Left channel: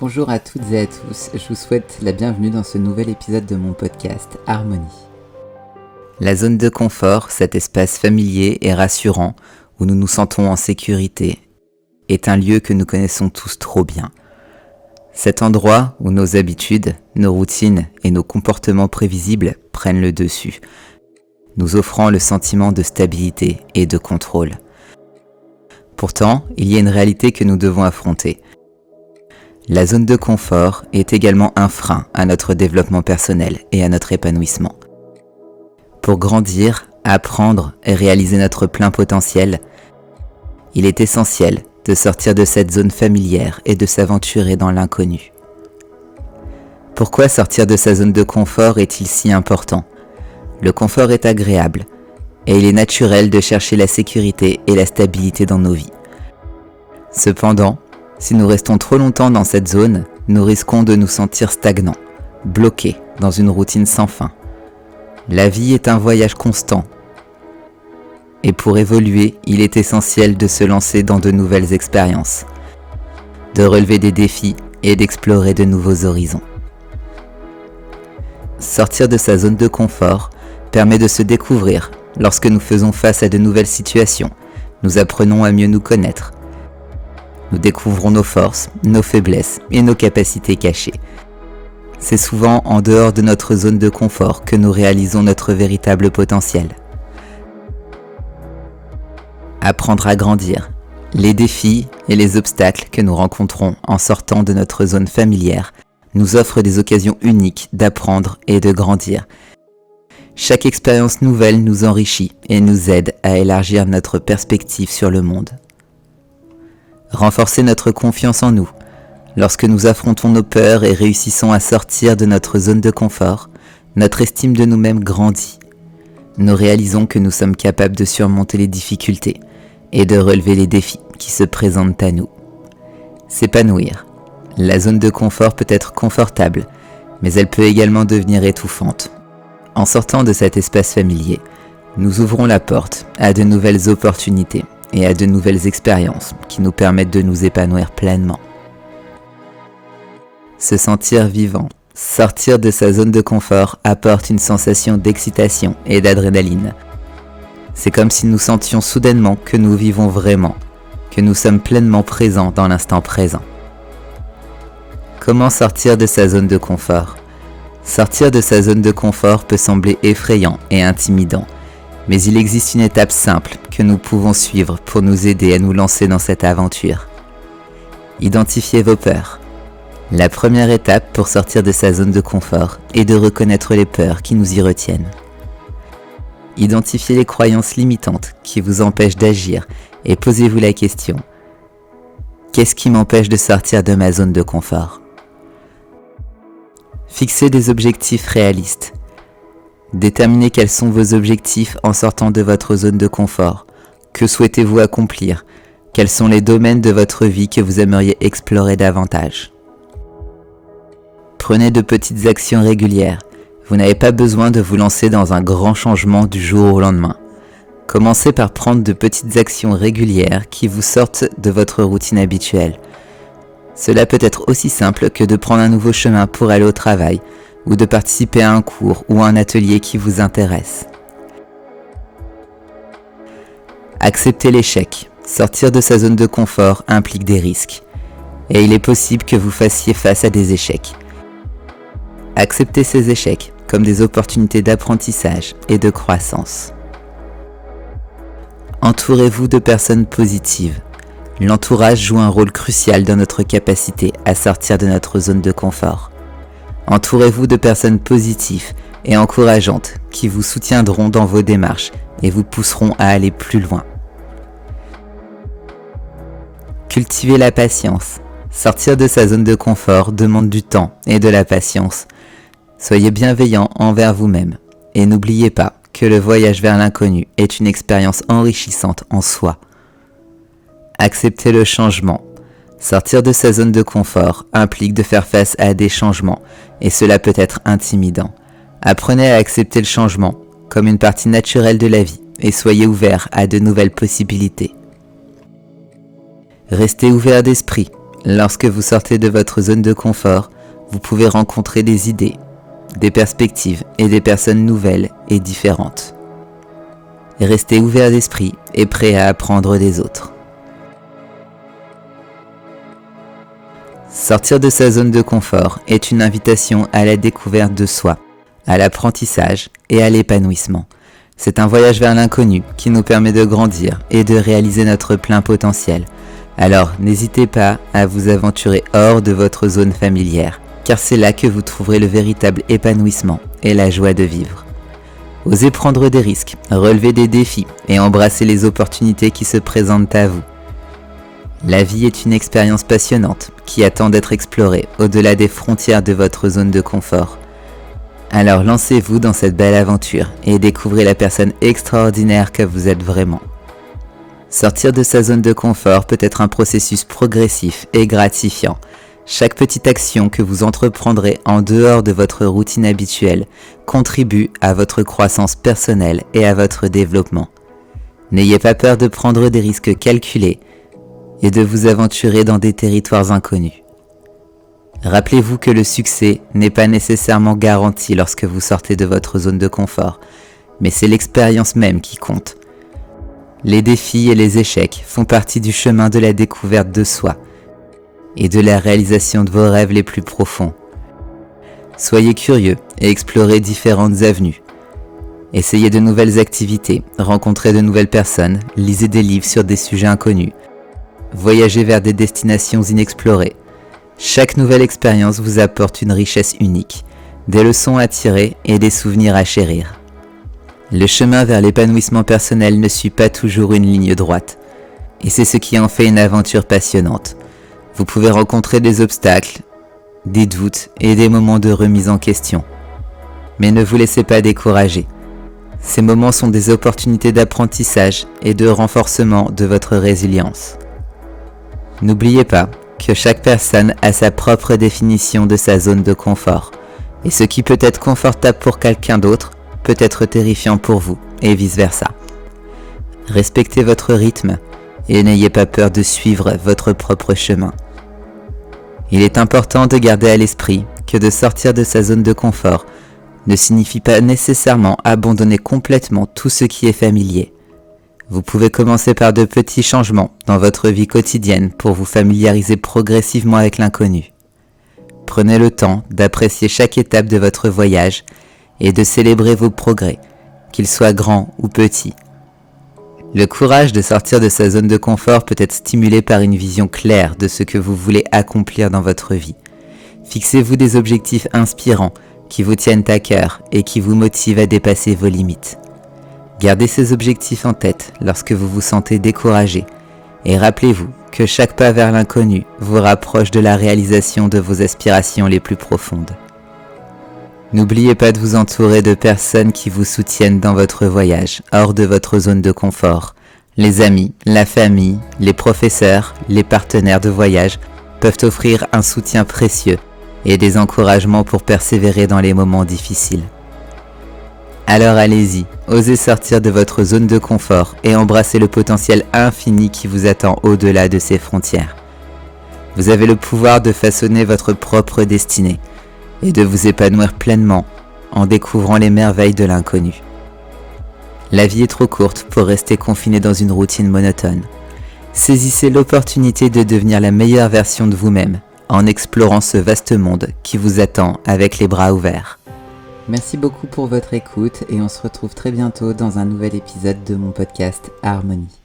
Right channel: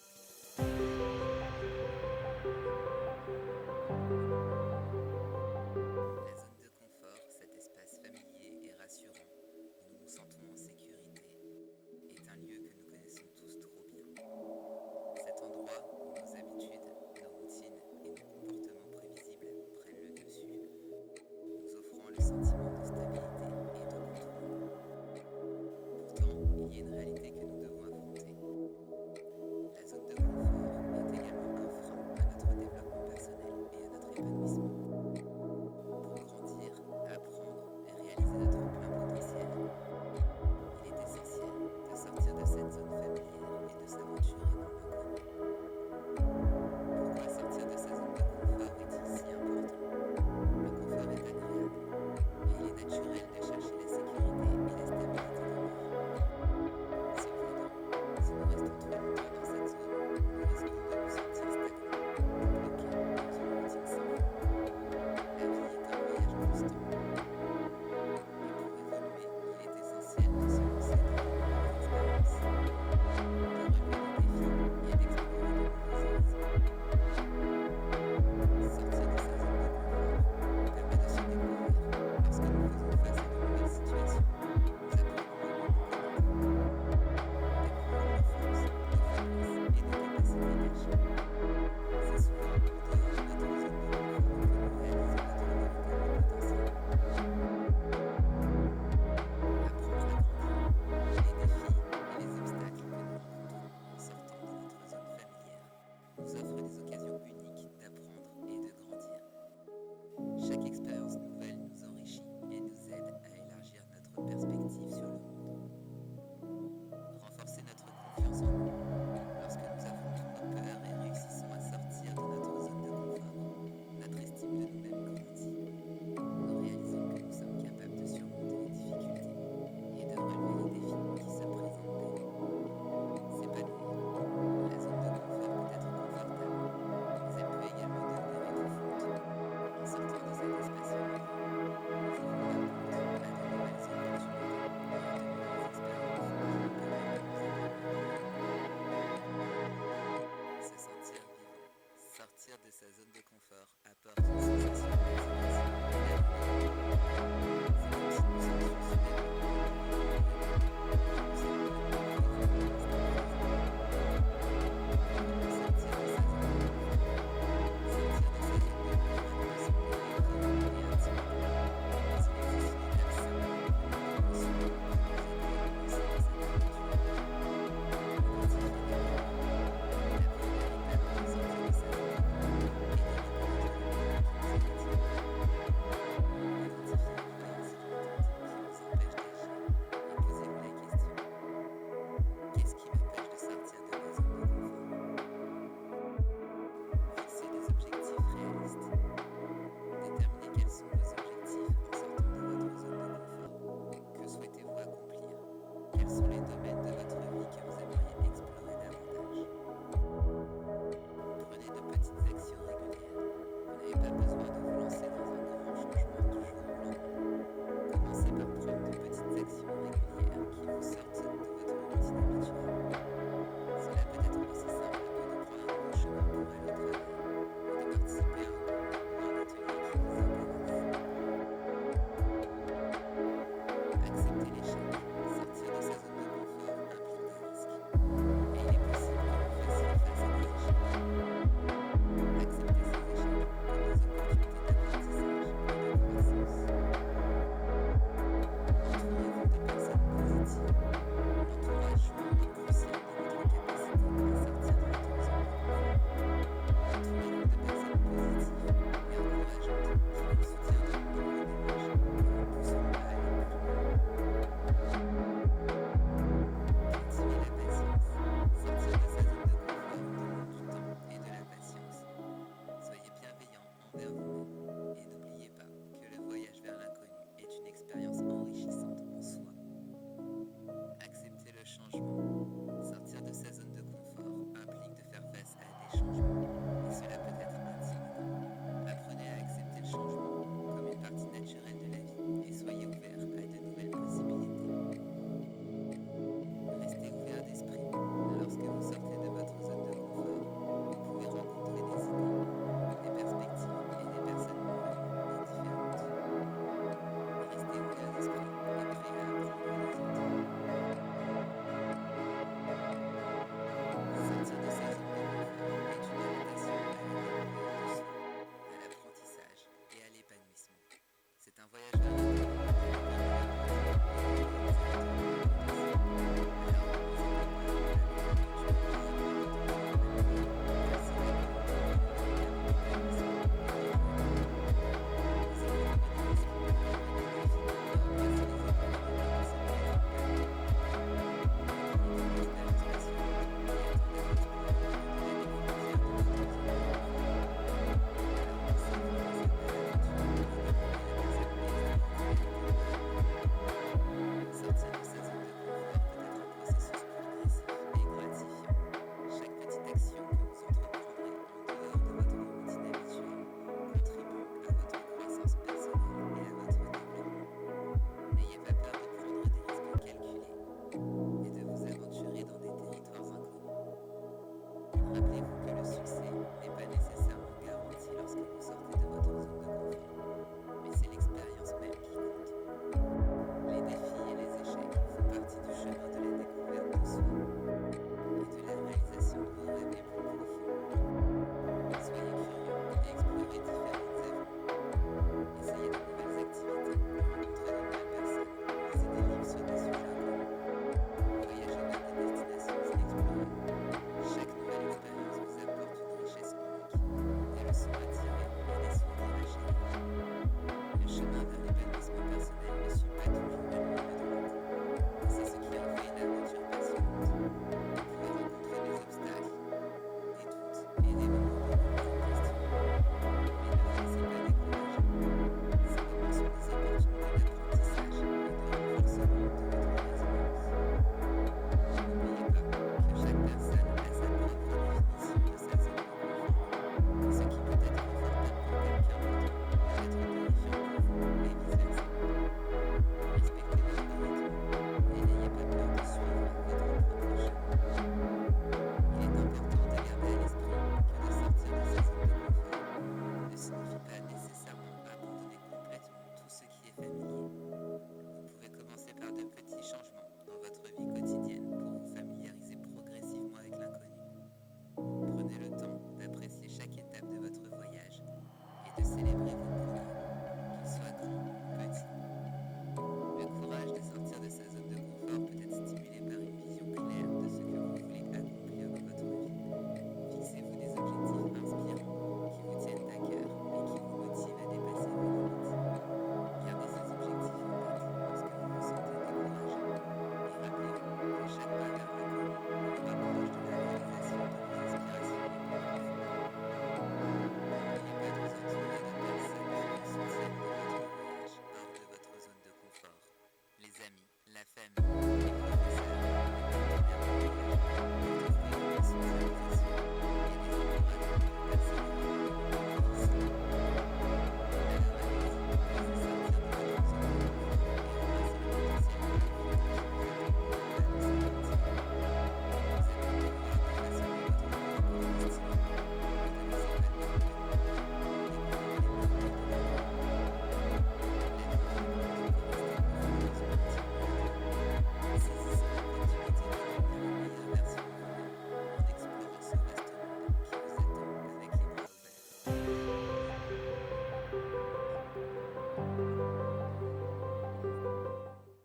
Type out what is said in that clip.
Bonjour à toutes et à tous, je vous souhaite la bienvenue dans ce nouvel épisode de mon podcast Harmonie. La zone de confort, cet espace familier et rassurant où nous nous sentons en sécurité, est un lieu que nous connaissons tous trop bien. Cet endroit où nos habitudes, nos routines et nos comportements prévisibles prennent le dessus, nous offrant le sentiment de stabilité et de contrôle. Pourtant, il y a une réalité que nous devons affronter. La zone de confort est également un frein à notre développement personnel et à notre épanouissement. Pour grandir, apprendre et réaliser notre plein potentiel, il est essentiel de sortir de cette zone familière et de s'aventurer dans l'inconnu. Pourquoi sortir de sa zone de confort est-il si important ? Le confort est agréable et il est naturel de chercher la sécurité et la stabilité dans nos vies. Cependant, si nous restons trop longtemps dans cette zone, nous risquons de nous sentir stagnants, bloqués dans une routine sans fin. La vie est un voyage constant. Et pour évoluer, il est essentiel de se lancer dans de nouvelles expériences, de relever des défis et d'explorer de nouveaux horizons. Sortir de sa zone de confort permet de se découvrir. Lorsque nous faisons face à de nouvelles situations, nous apprenons à mieux nous connaître. Nous découvrons nos forces, nos faiblesses et nos capacités cachées. C'est souvent en dehors de notre zone de confort que nous réalisons notre véritable potentiel. Apprendre à grandir. Les défis et les obstacles que nous rencontrons en sortant de notre zone familière nous offrent des occasions uniques d'apprendre et de grandir. Chaque expérience nouvelle nous enrichit et nous aide à élargir notre perspective sur le monde. Renforcer notre confiance en nous. Lorsque nous affrontons nos peurs et réussissons à sortir de notre zone de confort, notre estime de nous-mêmes grandit. Nous réalisons que nous sommes capables de surmonter les difficultés et de relever les défis qui se présentent à nous. S'épanouir. La zone de confort peut être confortable, mais elle peut également devenir étouffante. En sortant de cet espace familier, nous ouvrons la porte à de nouvelles opportunités et à de nouvelles expériences qui nous permettent de nous épanouir pleinement. Se sentir vivant, sortir de sa zone de confort apporte une sensation d'excitation et d'adrénaline. C'est comme si nous sentions soudainement que nous vivons vraiment, que nous sommes pleinement présents dans l'instant présent. Comment sortir de sa zone de confort ? Sortir de sa zone de confort peut sembler effrayant et intimidant, mais il existe une étape simple que nous pouvons suivre pour nous aider à nous lancer dans cette aventure. Identifiez vos peurs. La première étape pour sortir de sa zone de confort est de reconnaître les peurs qui nous y retiennent. Identifiez les croyances limitantes qui vous empêchent d'agir et posez-vous la question : qu'est-ce qui m'empêche de sortir de ma zone de confort ? Fixez des objectifs réalistes. Déterminez quels sont vos objectifs en sortant de votre zone de confort. Que souhaitez-vous accomplir ? Quels sont les domaines de votre vie que vous aimeriez explorer davantage ? Prenez de petites actions régulières. Vous n'avez pas besoin de vous lancer dans un grand changement du jour au lendemain. Commencez par prendre de petites actions régulières qui vous sortent de votre routine habituelle. Cela peut être aussi simple que de prendre un nouveau chemin pour aller au travail ou de participer à un cours ou à un atelier qui vous intéresse. Acceptez l'échec. Sortir de sa zone de confort implique des risques. Et il est possible que vous fassiez face à des échecs. Acceptez ces échecs comme des opportunités d'apprentissage et de croissance. Entourez-vous de personnes positives. L'entourage joue un rôle crucial dans notre capacité à sortir de notre zone de confort. Entourez-vous de personnes positives et encourageantes qui vous soutiendront dans vos démarches et vous pousseront à aller plus loin. Cultivez la patience. Sortir de sa zone de confort demande du temps et de la patience. Soyez bienveillant envers vous-même et n'oubliez pas que le voyage vers l'inconnu est une expérience enrichissante en soi. Acceptez le changement. Sortir de sa zone de confort implique de faire face à des changements et cela peut être intimidant. Apprenez à accepter le changement comme une partie naturelle de la vie et soyez ouvert à de nouvelles possibilités. Restez ouvert d'esprit Lorsque vous sortez de votre zone de confort, vous pouvez rencontrer des idées, des perspectives et des personnes nouvelles et différentes. Restez ouvert d'esprit et prêt à apprendre des autres. Sortir de sa zone de confort est une invitation à la découverte de soi, à l'apprentissage et à l'épanouissement. C'est un voyage vers l'inconnu qui nous permet de grandir et de réaliser notre plein potentiel. Alors n'hésitez pas à vous aventurer hors de votre zone familière, car c'est là que vous trouverez le véritable épanouissement et la joie de vivre. Osez prendre des risques, relever des défis et embrasser les opportunités qui se présentent à vous. La vie est une expérience passionnante qui attend d'être explorée au-delà des frontières de votre zone de confort. Alors lancez-vous dans cette belle aventure et découvrez la personne extraordinaire que vous êtes vraiment. Sortir de sa zone de confort peut être un processus progressif et gratifiant. Chaque petite action que vous entreprendrez en dehors de votre routine habituelle contribue à votre croissance personnelle et à votre développement. N'ayez pas peur de prendre des risques calculés et de vous aventurer dans des territoires inconnus. Rappelez-vous que le succès n'est pas nécessairement garanti lorsque vous sortez de votre zone de confort, mais c'est l'expérience même qui compte. Les défis et les échecs font partie du chemin de la découverte de soi et de la réalisation de vos rêves les plus profonds. Soyez curieux et explorez différentes avenues. Essayez de nouvelles activités, rencontrez de nouvelles personnes, lisez des livres sur des sujets inconnus, voyagez vers des destinations inexplorées. Chaque nouvelle expérience vous apporte une richesse unique, des leçons à tirer et des souvenirs à chérir. Le chemin vers l'épanouissement personnel ne suit pas toujours une ligne droite, et c'est ce qui en fait une aventure passionnante. Vous pouvez rencontrer des obstacles, des doutes et des moments de remise en question. Mais ne vous laissez pas décourager. Ces moments sont des opportunités d'apprentissage et de renforcement de votre résilience. N'oubliez pas que chaque personne a sa propre définition de sa zone de confort, et ce qui peut être confortable pour quelqu'un d'autre peut être terrifiant pour vous, et vice-versa. Respectez votre rythme et n'ayez pas peur de suivre votre propre chemin. Il est important de garder à l'esprit que de sortir de sa zone de confort ne signifie pas nécessairement abandonner complètement tout ce qui est familier. Vous pouvez commencer par de petits changements dans votre vie quotidienne pour vous familiariser progressivement avec l'inconnu. Prenez le temps d'apprécier chaque étape de votre voyage et de célébrer vos progrès, qu'ils soient grands ou petits. Le courage de sortir de sa zone de confort peut être stimulé par une vision claire de ce que vous voulez accomplir dans votre vie. Fixez-vous des objectifs inspirants qui vous tiennent à cœur et qui vous motivent à dépasser vos limites. Gardez ces objectifs en tête lorsque vous vous sentez découragé et rappelez-vous que chaque pas vers l'inconnu vous rapproche de la réalisation de vos aspirations les plus profondes. N'oubliez pas de vous entourer de personnes qui vous soutiennent dans votre voyage, hors de votre zone de confort. Les amis, la famille, les professeurs, les partenaires de voyage peuvent offrir un soutien précieux et des encouragements pour persévérer dans les moments difficiles. Alors allez-y, osez sortir de votre zone de confort et embrassez le potentiel infini qui vous attend au-delà de ces frontières. Vous avez le pouvoir de façonner votre propre destinée et de vous épanouir pleinement en découvrant les merveilles de l'inconnu. La vie est trop courte pour rester confiné dans une routine monotone. Saisissez l'opportunité de devenir la meilleure version de vous-même en explorant ce vaste monde qui vous attend avec les bras ouverts. Merci beaucoup pour votre écoute et on se retrouve très bientôt dans un nouvel épisode de mon podcast Harmonie.